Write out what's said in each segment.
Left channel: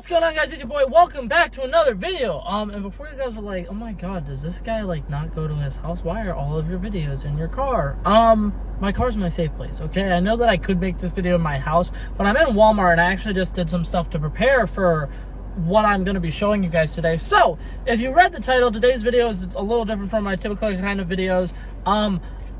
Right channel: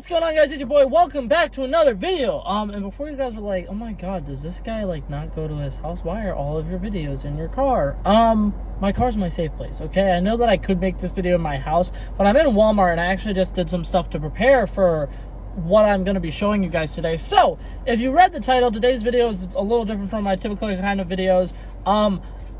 what's going on, guys? It's your boy. Welcome back to another video. And before you guys were like, oh my god, does this guy like not go to his house? Why are all of your videos in your car? My car's my safe place, okay? I know that I could make this video in my house, but I'm in Walmart and I actually just did some stuff to prepare for what I'm going to be showing you guys today. So, if you read the title, today's video is a little different from my typical kind of videos.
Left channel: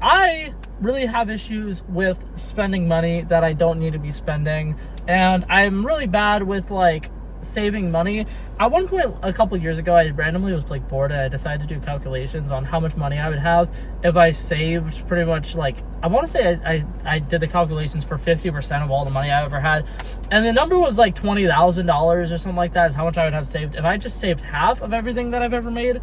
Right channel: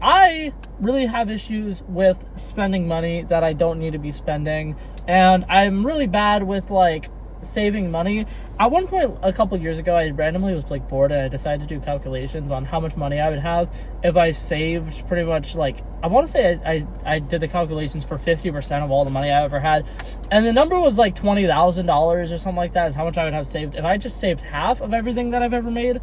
I really have issues with spending money that I don't need to be spending, and I'm really bad with like saving money. At one point a couple years ago, I randomly was like bored and I decided to do calculations on how much money I would have if I saved pretty much like, I want to say I did the calculations for 50% of all the money I ever had, and the number was like $20,000 or something like that is how much I would have saved if I just saved half of everything that I've ever made.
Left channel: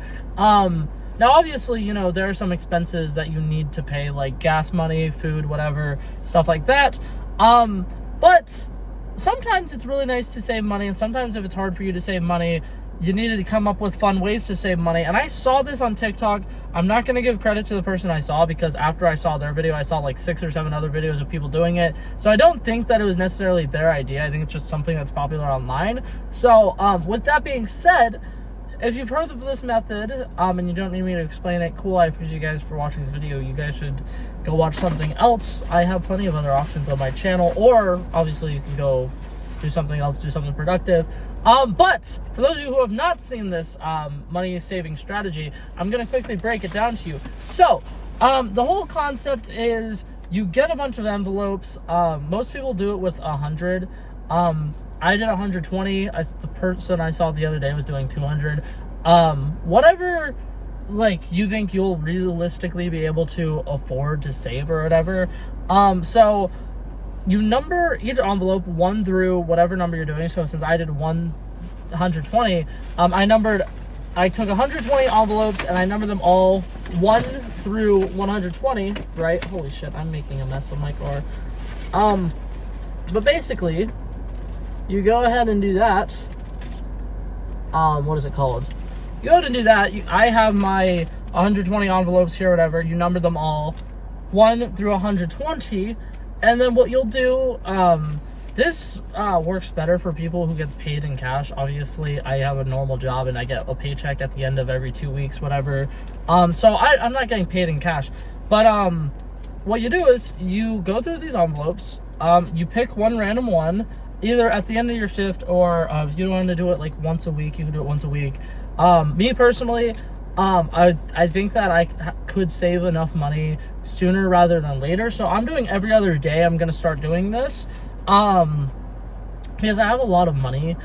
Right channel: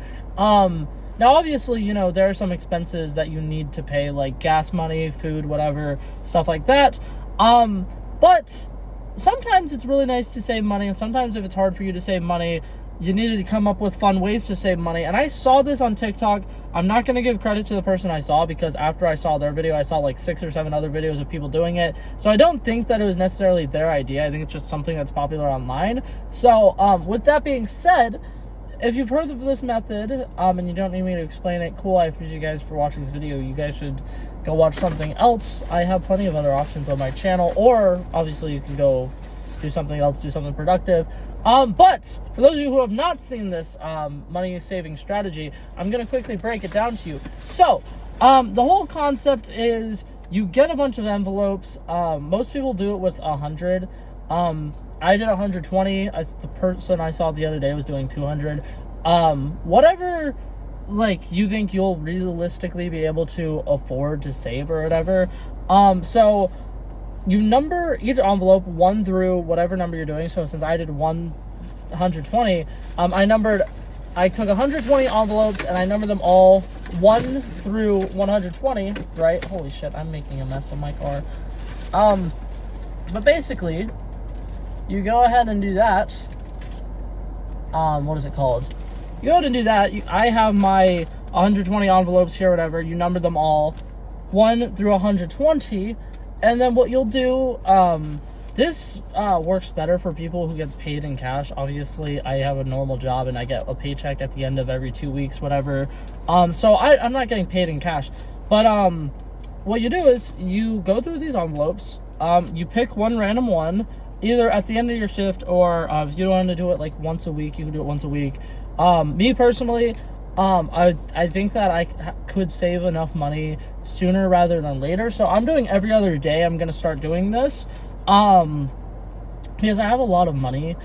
Now, obviously, you know, there are some expenses that you need to pay, like gas money, food, whatever, stuff like that. But sometimes it's really nice to save money, and sometimes if it's hard for you to save money, you needed to come up with fun ways to save money. And I saw this on TikTok. I'm not going to give credit to the person I saw, because after I saw their video, I saw like 6 or 7 other videos of people doing it. So I don't think that it was necessarily their idea. I think it's just something that's popular online. So with that being said, if you've heard of this method, and you don't need me to explain it, cool, I appreciate you guys for watching this video. You guys should go watch something else. I have plenty of other options on my channel, or obviously you can go do something else, do something productive. But for those of you who have not seen this money saving strategy, I'm going to quickly break it down to you. So, the whole concept is you get a bunch of envelopes. Most people do it with 100. I did 120. The person I saw the other day was doing 200. Whatever, like, you think you'll realistically be able to afford to save or whatever. So you number each envelope 1 through whatever number you're doing. So since I did 120, I took 120 envelopes and I numbered them all 1 through 120, right? Holy shit, I'm making a mess of my car. But basically, you go ahead and do that. What is it called? You go ahead and do that. I have my 120 envelopes here, whatever. You number them all 1 through 120. And then what you'll do, this works better for people who get paid in cash. Obviously, I have a normal job and I get a paycheck at the end of every 2 weeks, whatever. So I'm not getting paid in cash. But what you do is you go through these envelopes. You pick one random one, either at the end of your shift, or if you don't want to do it like once a week, you can do it once a week. Me personally, I think that I could save enough money sooner rather than later. So I'm doing every other day. I'm going to start doing this because I have a lot of money,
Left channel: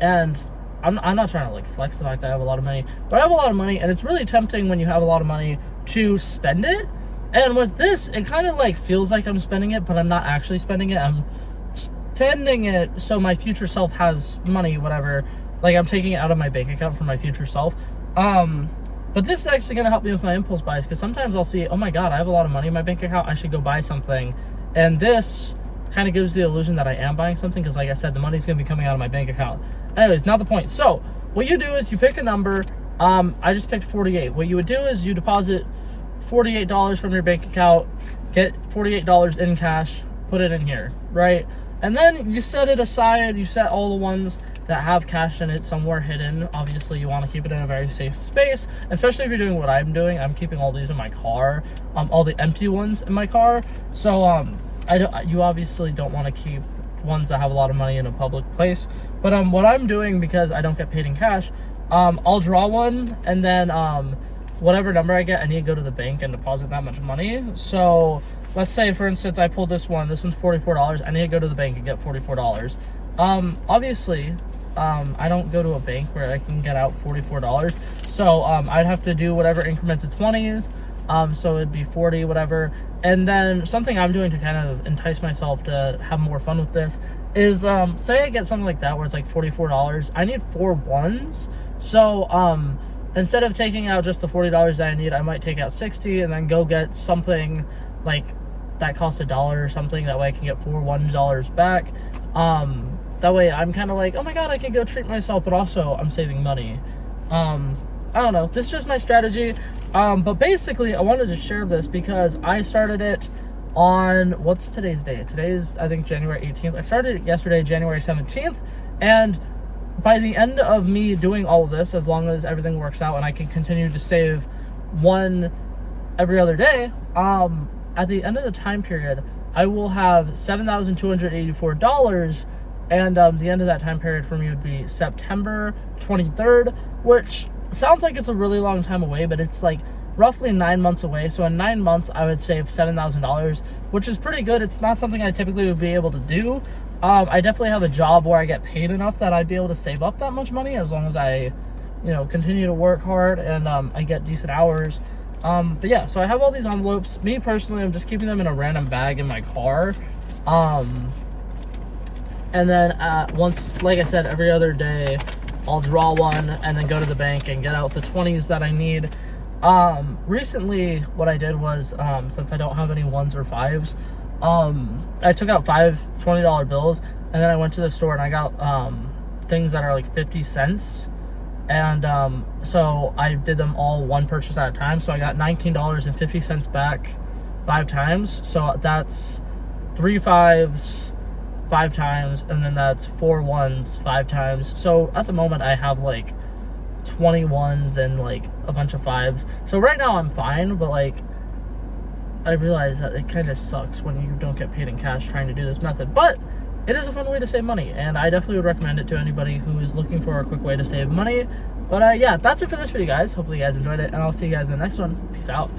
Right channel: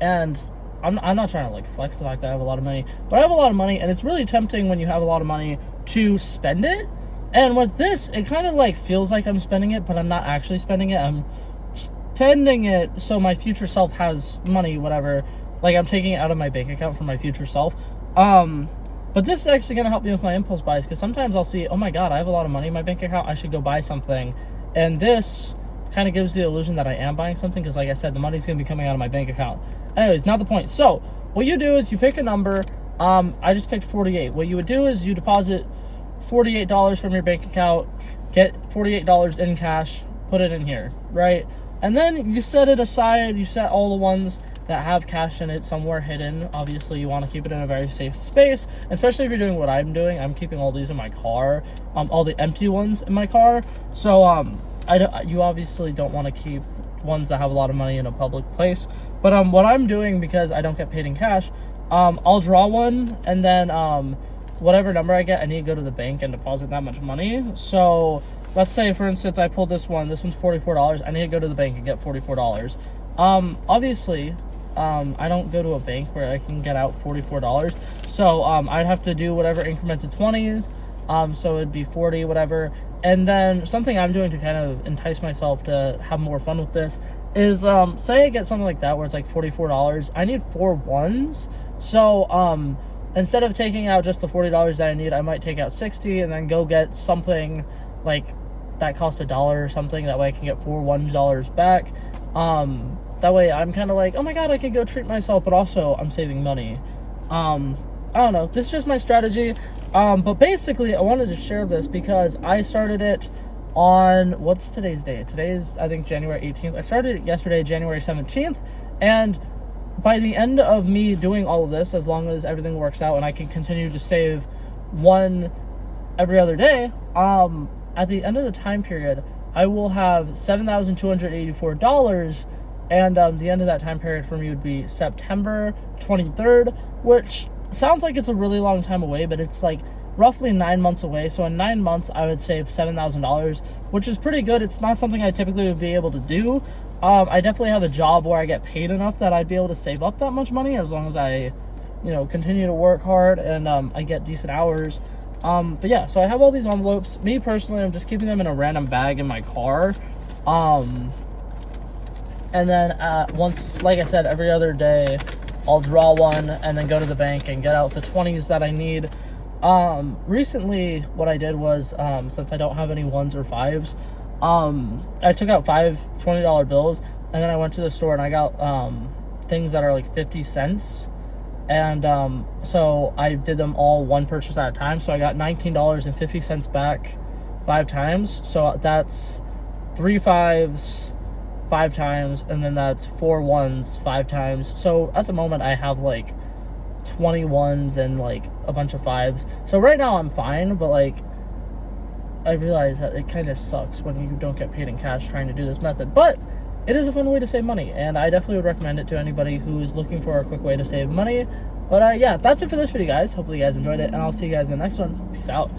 and I'm not trying to like flex the fact that I have a lot of money, but I have a lot of money, and it's really tempting when you have a lot of money to spend it. And with this, it kind of like feels like I'm spending it, but I'm not actually spending it. I'm spending it so my future self has money, whatever. Like, I'm taking it out of my bank account for my future self. But this is actually going to help me with my impulse buys, because sometimes I'll see, oh my god, I have a lot of money in my bank account, I should go buy something. And this kind of gives the illusion that I am buying something, because like I said, the money's going to be coming out of my bank account. Anyways, not the point. So what you do is you pick a number. I just picked 48. What you would do is you deposit $48 from your bank account, get $48 in cash, put it in here, right? And then you set it aside. You set all the ones that have cash in it somewhere hidden. Obviously, you want to keep it in a very safe space, especially if you're doing what I'm doing. I'm keeping all these in my car, all the empty ones in my car. So you obviously don't want to keep ones that have a lot of money in a public place. But what I'm doing, because I don't get paid in cash, I'll draw one, and then whatever number I get, I need to go to the bank and deposit that much money. So let's say, for instance, I pulled this one's $44. I need to go to the bank and get $44. Obviously, I don't go to a bank where I can get out $44. So I'd have to do whatever increments of 20s. So it'd be 40, whatever. And then something I'm doing to kind of entice myself to have more fun with this is, say I get something like that where it's like $44. I need 4 ones. So instead of taking out just the $40 that I need, I might take out 60 and then go get something like that costs $1 or something. That way I can get 4 $1 back. That way I'm kind of like, oh my god, I can go treat myself, but also I'm saving money. I don't know. This is just my strategy. But basically, I wanted to share this because I started it on, what's today's date? Today's, I think, January 18th. I started it yesterday, January 17th. And by the end of me doing all of this, as long as everything works out and I can continue to save one every other day, at the end of the time period, I will have $7,284, and the end of that time period for me would be September 23rd, which sounds like it's a really long time away, but it's like roughly 9 months away. So in 9 months, I would save $7,000, which is pretty good. It's not something I typically would be able to do. I definitely have a job where I get paid enough that I'd be able to save up that much money, as long as I, continue to work hard and I get decent hours. But yeah, so I have all these envelopes. Me personally, I'm just keeping them in a random bag in my car. And then once, like I said, every other day, I'll draw one and then go to the bank and get out the 20s that I need. Recently, what I did was, since I don't have any 1s or 5s, I took out 5 $20 bills, and then I went to the store and I got things that are like 50 cents. And so I did them all one purchase at a time. So I got $19.50 back 5 times. So that's 3 5s 5 times, and then that's 4 1s 5 times. So at the moment I have like 20 1s and like a bunch of 5s. So right now I'm fine, but like I realize that it kind of sucks when you don't get paid in cash trying to do this method. But it is a fun way to save money, and I definitely would recommend it to anybody who is looking for a quick way to save money. But yeah, that's it for this video, guys. Hopefully you guys enjoyed it, and I'll see you guys in the next one. Peace out.